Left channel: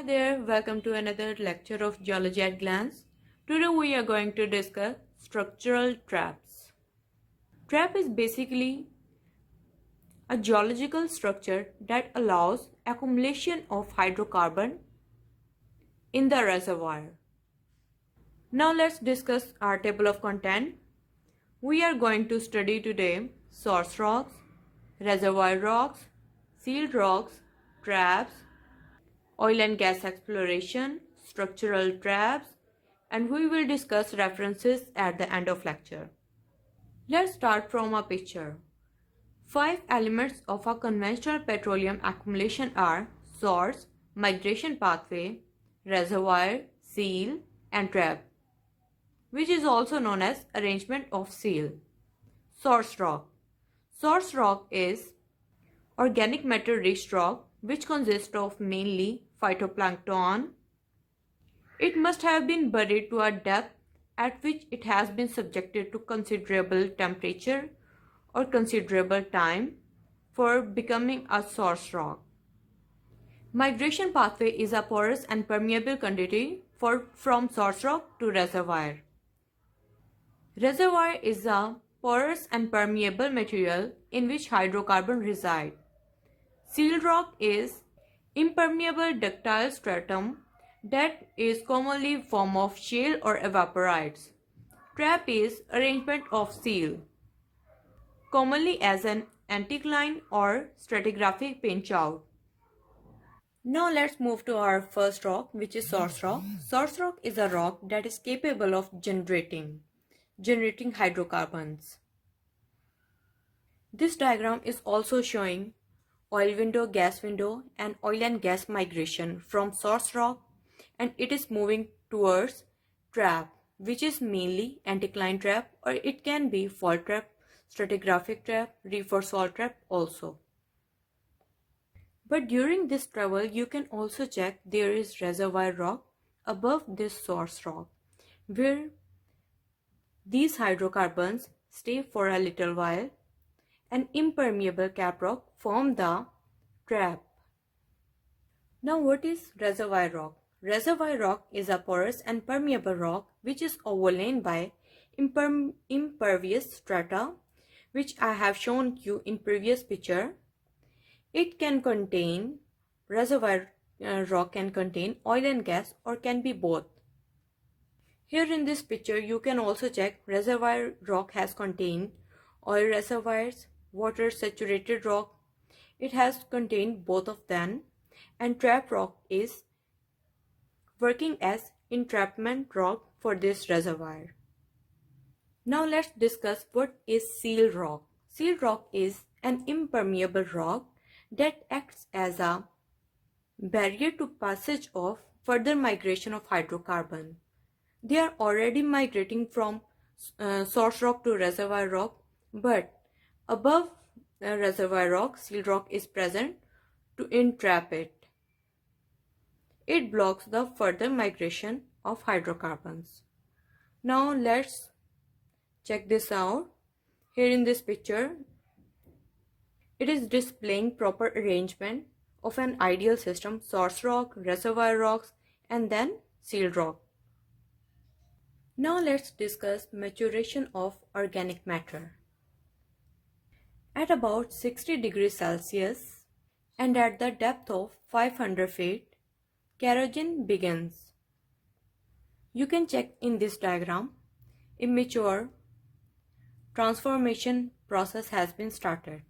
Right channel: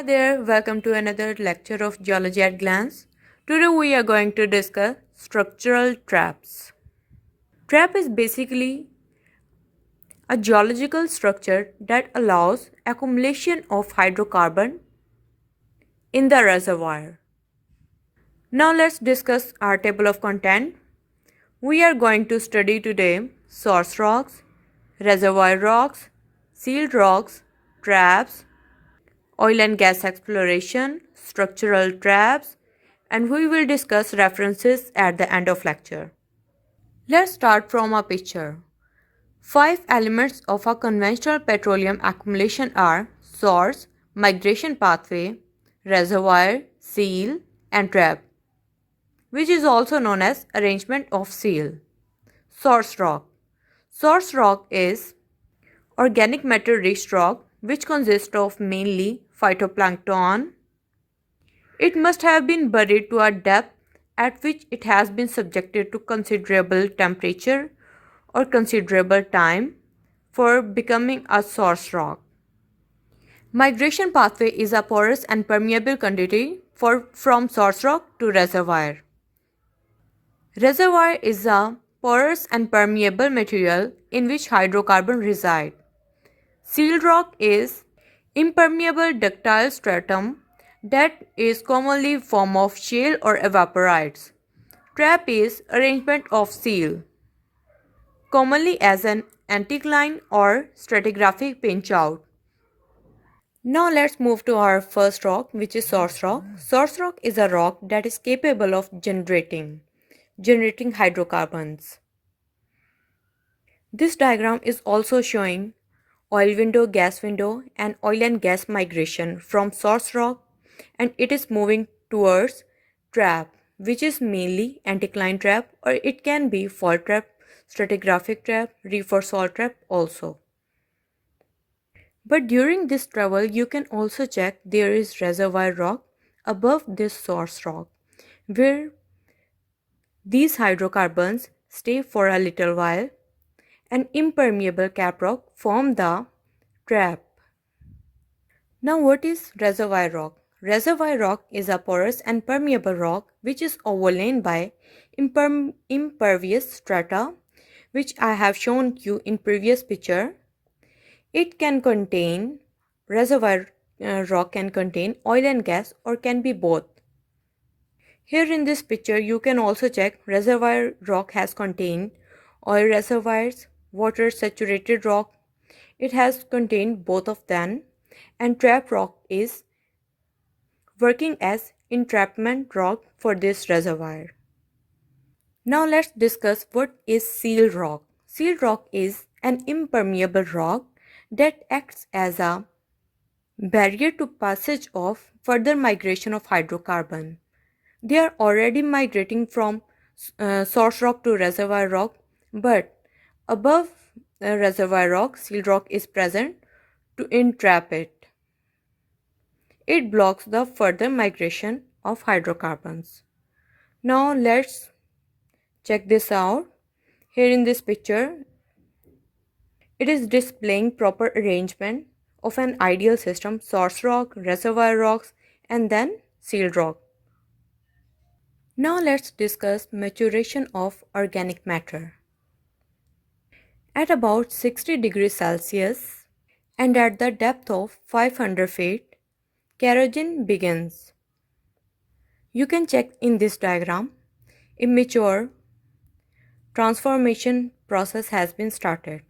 Hi there, welcome to another lecture of Geology at Glance. Today we are going to discuss structural traps. Trap is basically a geological structure that allows accumulation of hydrocarbon in the reservoir. Now let's discuss our table of content. We are going to study today source rocks, reservoir rocks, sealed rocks, traps, oil and gas exploration, structural traps, and we will discuss references at the end of lecture. Let's start from a picture. Five elements of a conventional petroleum accumulation are source, migration pathway, reservoir, seal, and trap, which is also known as arrangement of seal. Source rock. Source rock is organic matter rich rock which consists of mainly phytoplankton. It must have been buried to a depth at which it has been subjected to considerable temperature or considerable time for becoming a source rock. Migration pathway is a porous and permeable quantity from source rock to reservoir. Reservoir is a porous and permeable material in which hydrocarbon reside. Sealed rock is impermeable ductile stratum that is commonly form of shale or evaporites. Trap is arrangement of seal, commonly as an anticline or stratigraphic pinch-out. Now let's move to our first rock, which is source rock. Source rock is a rock that is capable of generating hydrocarbons. This diagram is also showing oil window, gas window, and oil and gas migration from source rock, and it is moving towards trap, which is mainly anticline trap, or it can be fault trap, stratigraphic trap, reef or salt trap also. But during this travel, you can also check there is reservoir rock above this source rock, where these hydrocarbons stay for a little while. An impermeable cap rock form the trap. Now what is reservoir rock? Reservoir rock is a porous and permeable rock which is overlain by impervious strata, which I have shown you in previous picture. It can contain reservoir rock can contain oil and gas or can be both. Here in this picture you can also check reservoir rock has contained oil reservoirs, water saturated rock. It has contained both of them, and trap rock is working as entrapment rock for this reservoir. Now let's discuss what is seal rock. Seal rock is an impermeable rock that acts as a barrier to passage of further migration of hydrocarbon. They are already migrating from source rock to reservoir rock, but above reservoir rock, seal rock is present to entrap it. It blocks the further migration of hydrocarbons. Now let's check this out. Here in this picture, it is displaying proper arrangement of an ideal system: source rock, reservoir rocks, and then sealed rock. Now let's discuss maturation of organic matter. At about 60 degrees Celsius and at the depth of 500 feet, corrosion begins. You can check in this diagram. Immature transformation process has been started.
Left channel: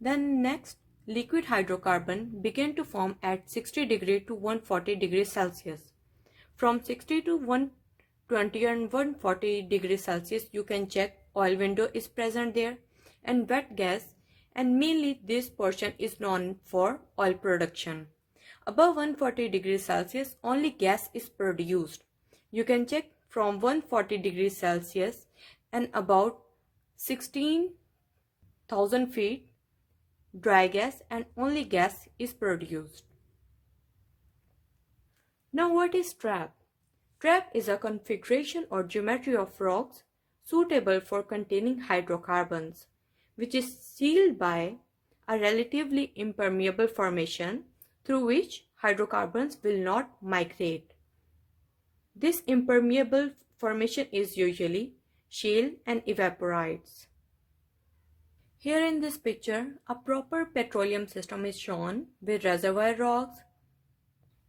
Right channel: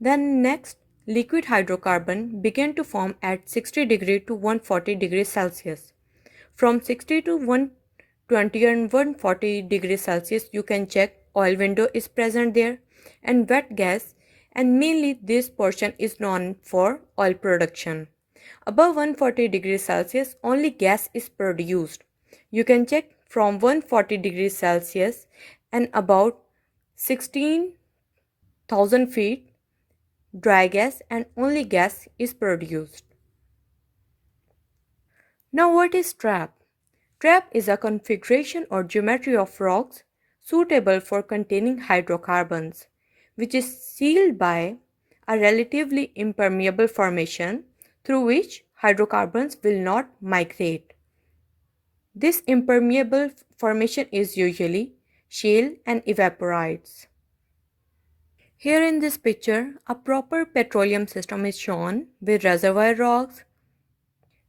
Then next, liquid hydrocarbon began to form at 60 degree to 140 degrees Celsius. From 60 to 120 and 140 degrees Celsius, you can check oil window is present there and wet gas, and mainly this portion is known for oil production. Above 140 degrees Celsius, only gas is produced. You can check from 140 degrees Celsius and about 16,000 feet dry gas and only gas is produced. Now what is trap? Trap is a configuration or geometry of rocks suitable for containing hydrocarbons, which is sealed by a relatively impermeable formation through which hydrocarbons will not migrate. This impermeable formation is usually shale and evaporites. Here in this picture, a proper petroleum system is shown with reservoir rocks,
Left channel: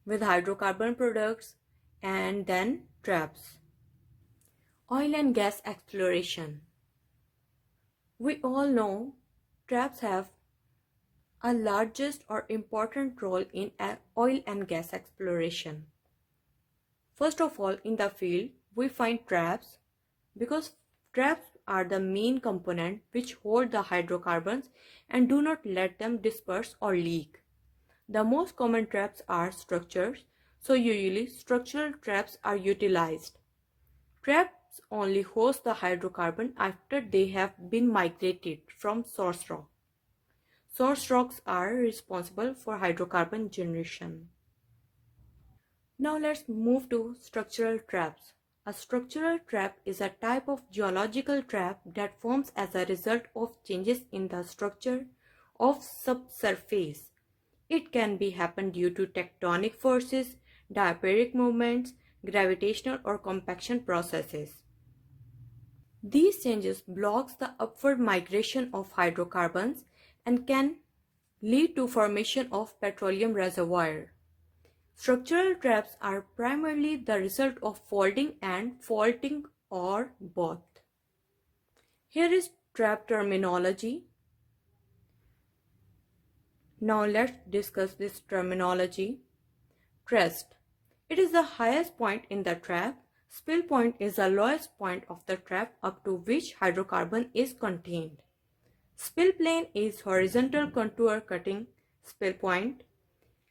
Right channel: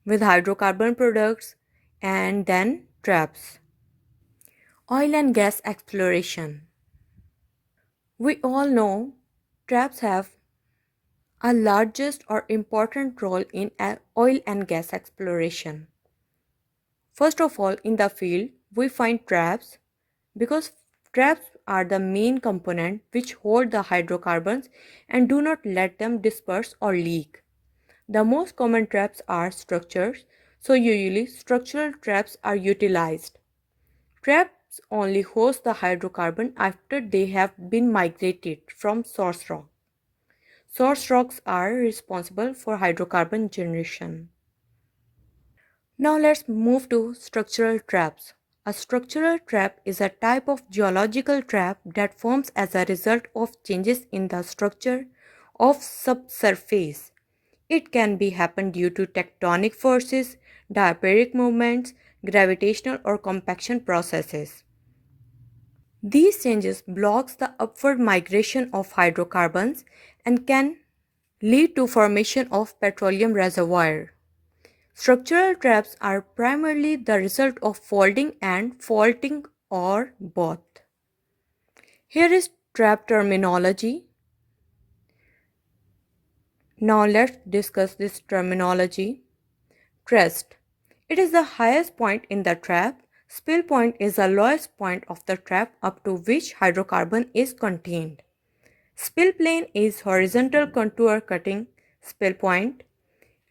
with hydrocarbon products, and then traps. Oil and gas exploration. We all know traps have a largest or important role in oil and gas exploration. First of all, in the field, we find traps because traps are the main component which hold the hydrocarbons and do not let them disperse or leak. The most common traps are structures, so usually structural traps are utilized. Traps only host the hydrocarbon after they have been migrated from source rock. Source rocks are responsible for hydrocarbon generation. Now let's move to structural traps. A structural trap is a type of geological trap that forms as a result of changes in the structure of subsurface. It can be happen due to tectonic forces, diaperic movements, gravitational or compaction processes. These changes blocks the upward migration of hydrocarbons and can lead to formation of petroleum reservoir. Structural traps are primarily the result of folding and faulting or both. Here is trap terminology. Now let's discuss this terminology. Crest. It is the highest point in the trap. Spill point is the lowest point of the trap up to which hydrocarbon is contained. Spill plane is horizontal contour cutting spill point.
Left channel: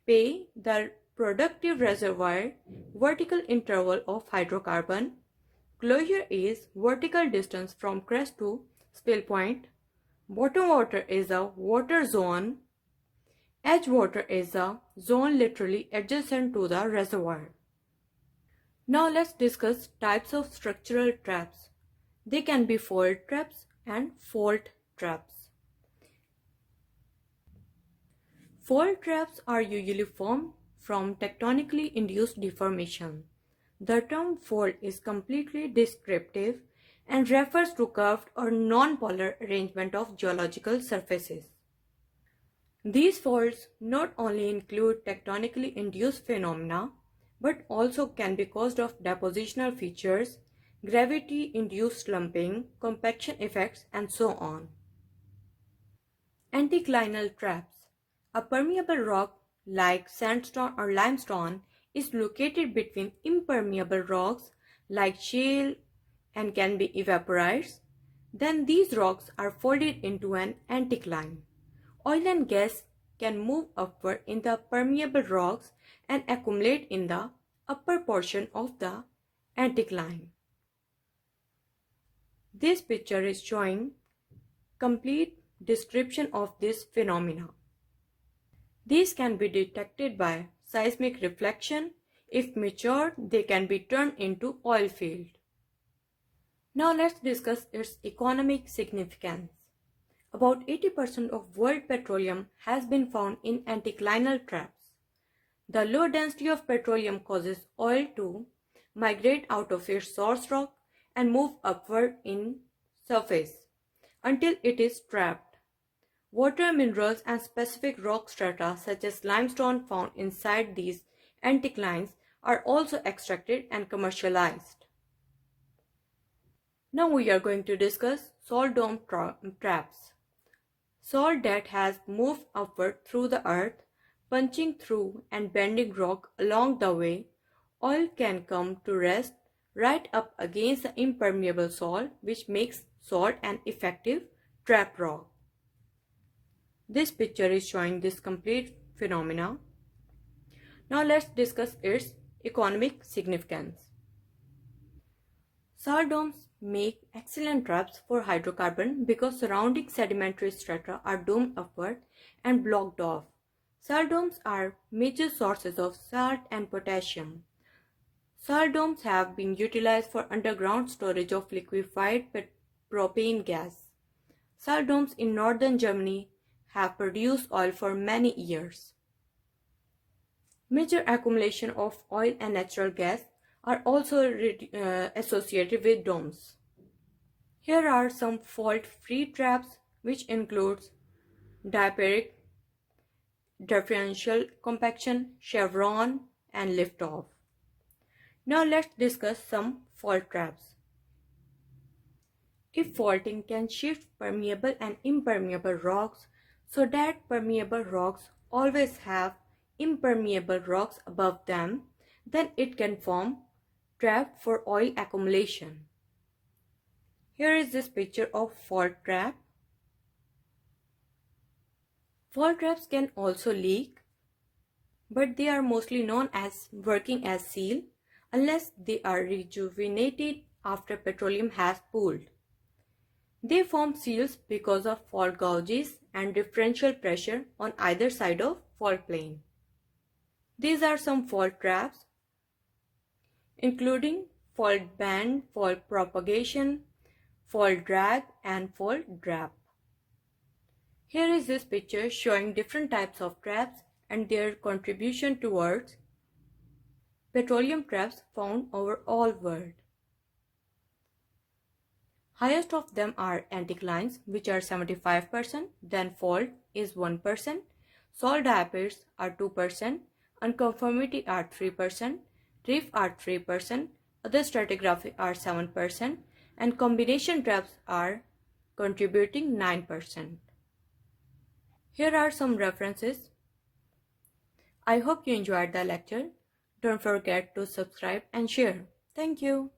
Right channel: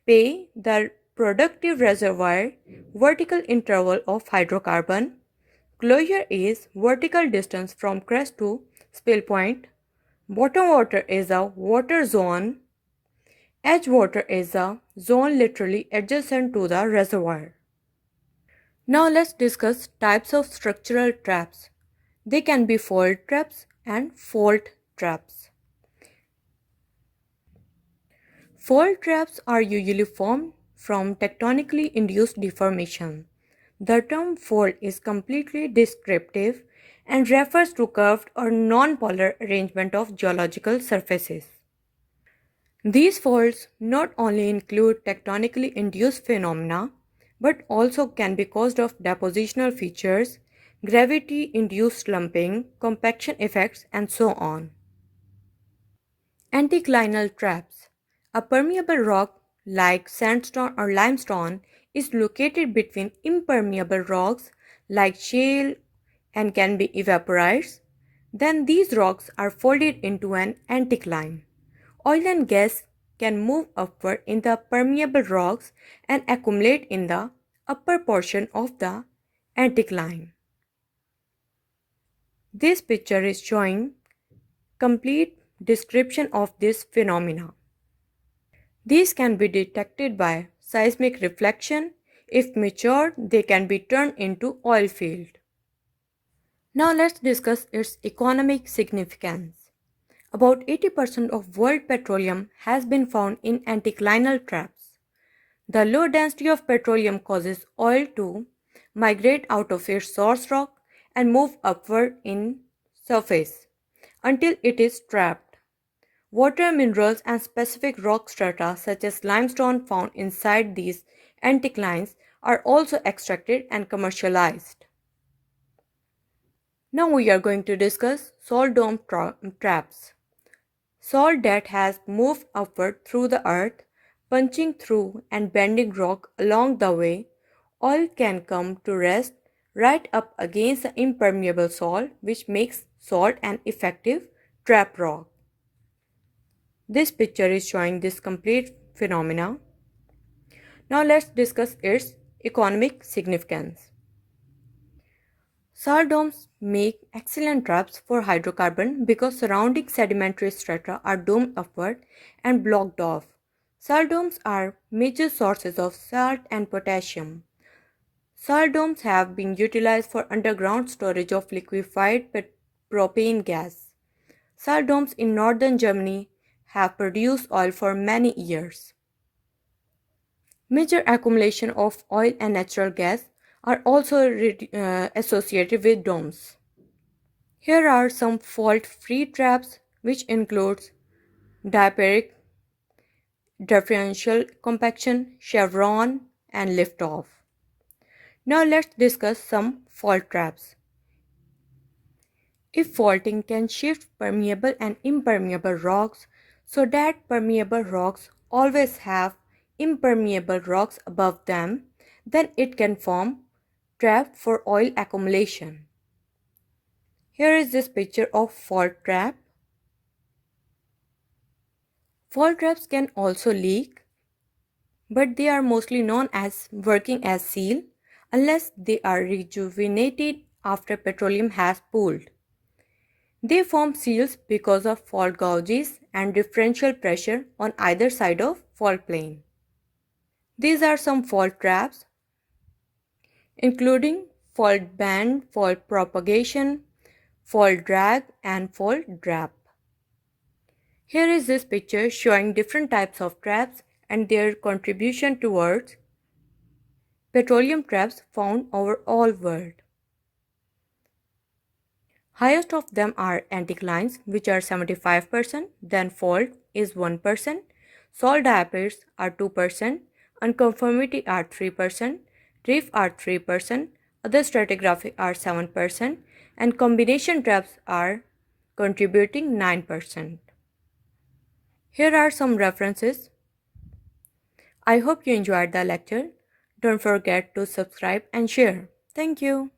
Pay the productive reservoir vertical interval of hydrocarbon. Closure is vertical distance from crest to spill point. Bottom water is a water zone. Edge water is a zone literally adjacent to the reservoir. Now let's discuss types of structural traps. They can be fold traps and fault traps. Fault traps are usually formed from tectonically induced deformation. The term fold is completely descriptive and refers to curved or non-polar arrangement of geological surfaces. These faults not only include tectonically induced phenomena, but also can be caused of depositional features, gravity-induced slumping, compaction effects, and so on. Anticlinal traps. A permeable rock like sandstone or limestone is located between impermeable rocks like shale and can be evaporites. Then these rocks are folded into an anticline. Oil and gas can move upward in the permeable rocks and accumulate in the upper portion of the anticline. This picture is showing complete description of this phenomena. These can be detected by seismic reflection. If mature, they can be turned into oil field. Now let's discuss its economic significance. About 80% of world petroleum has been found in anticlinal traps. The low density of petroleum causes oil to migrate out of its source rock and move upward in surface until it is trapped. Water minerals and specific rock strata such as limestone found inside these anticlines are also extracted and commercialized. Now we are going to discuss salt dome traps. Salt that has moved upward through the earth, punching through and bending rock along the way, oil can come to rest right up against the impermeable salt, which makes salt an effective trap rock. This picture is showing this complete phenomena. Now let's discuss its economic significance. Salt domes make excellent traps for hydrocarbon because surrounding sedimentary strata are domed upward and blocked off. Salt domes are major sources of salt and potassium. Salt domes have been utilized for underground storage of liquefied propane gas. Salt domes in northern Germany have produced oil for many years. Major accumulation of oil and natural gas are also associated with domes. Here are some fault-free traps which includes diaperic, differential compaction, chevron, and liftoff. Now let's discuss some fault traps. If faulting can shift permeable and impermeable rocks so that permeable rocks always have impermeable rocks above them, then it can form trap for oil accumulation. Here is this picture of fault trap. Fault traps can also leak, but they are mostly known as working as seal unless they are rejuvenated after petroleum has pooled. They form seals because of fault gouges and differential pressure on either side of fault plane. These are some fault traps including fault band, fault propagation, fault drag and fault drap. Here is this picture showing different types of traps and their contribution towards petroleum traps found over all world. Highest of them are anticlines, which are 75%, then fault is 1%, salt diapirs are 2%, unconformity are 3%, reef are 3%, other stratigraphy are 7%, and combination traps are contributing 9%. Here are some references. I hope you enjoyed the lecture. Don't forget to subscribe and share. Thank you.